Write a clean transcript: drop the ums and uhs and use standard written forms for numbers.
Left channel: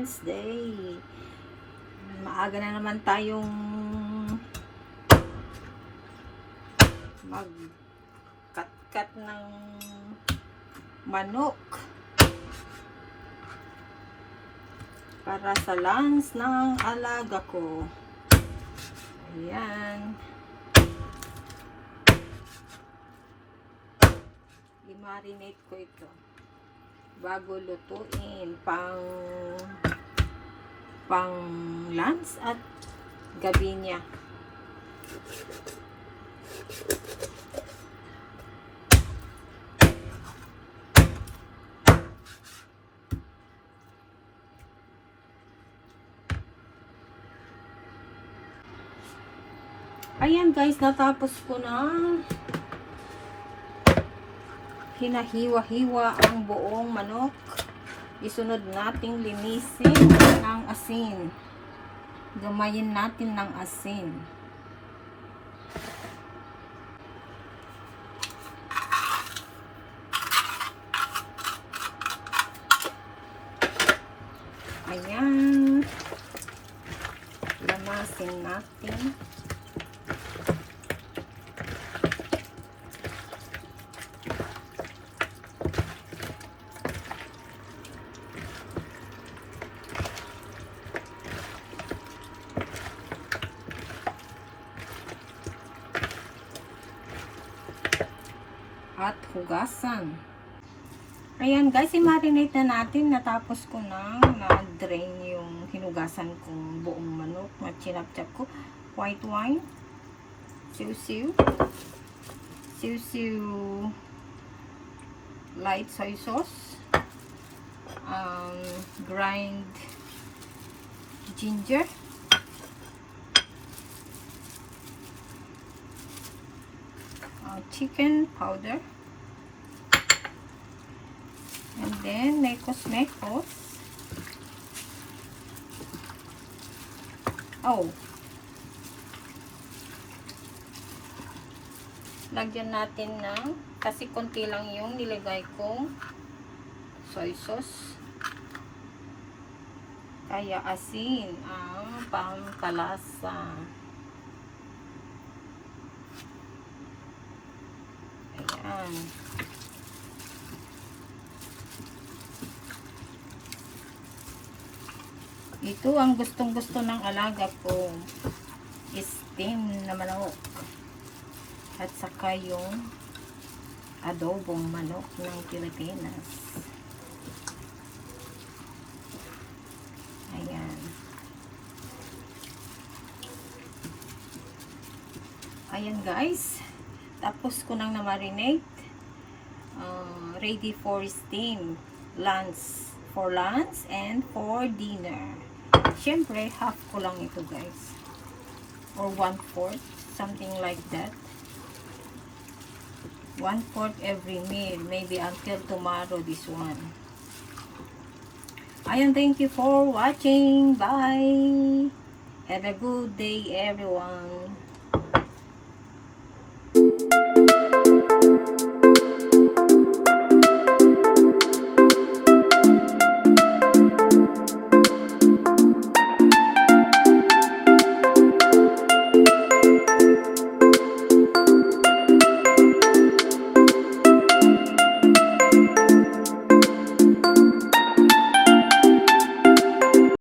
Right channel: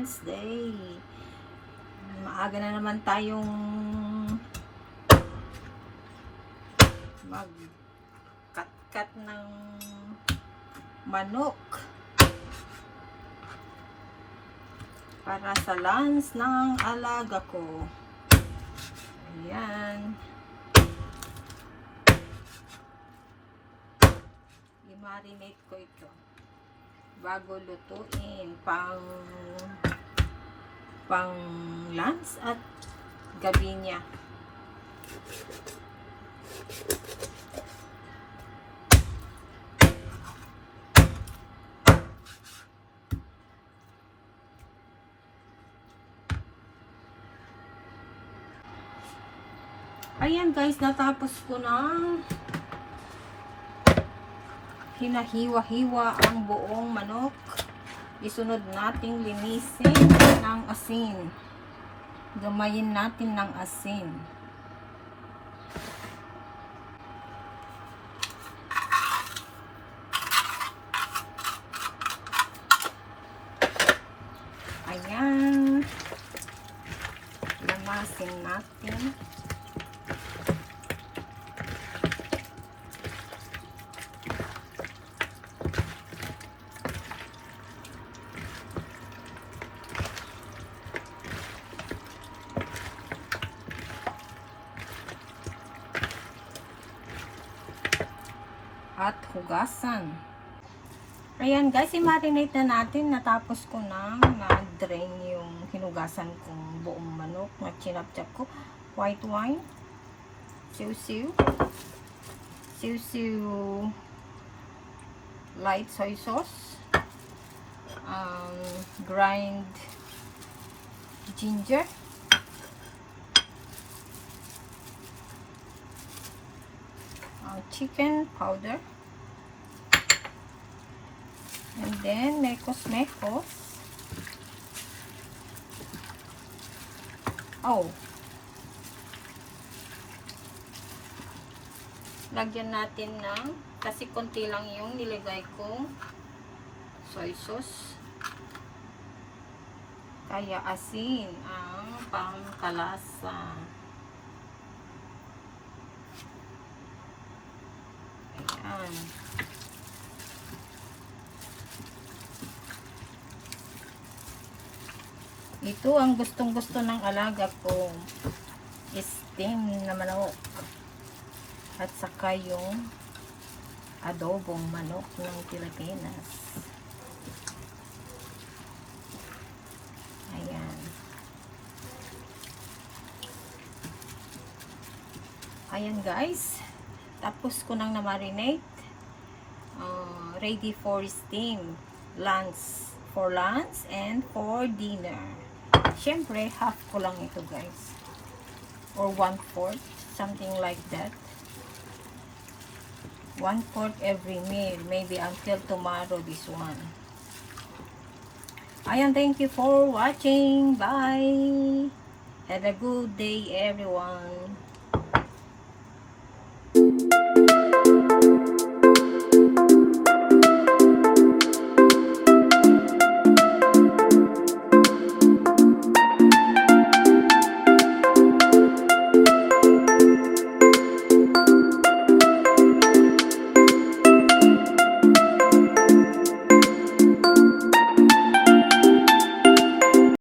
Wednesday. Maaga na naman tayong mag-cut ng manok para sa lunch ng alaga ko. Ayan. I-marinate ko ito bago lutuin pang lunch at gabi niya. Ayan guys, natapos ko na hinahiwa-hiwa ang buong manok. Isunod nating linisin ng asin. Gamayin natin ng asin. Ayan. Lamasin natin. At hugasan. Ayan guys, i-marinate na natin. Natapos ko na na-drain yung hinugasan kong buong manok na chinap-chap ko. White wine, siu-siu, light soy sauce, grind ginger, chicken powder, and then mekos. Lagyan natin ng, kasi konti lang yung nilagay kong soy sauce, kaya asin ang pangkalasa. Ayan. Ito ang gustong-gusto ng alaga kong steam na manok. At saka yung adobong manok ng Pilipinas. Ayan. Ayan guys. Tapos ko nang na-marinate. Ready for steam. For lunch and for dinner. Siyempre, half ko lang ito guys. Or 1/4. Something like that. 1/4 every meal. Maybe until tomorrow this one. Ayan, thank you for watching. Bye. Have a good day everyone.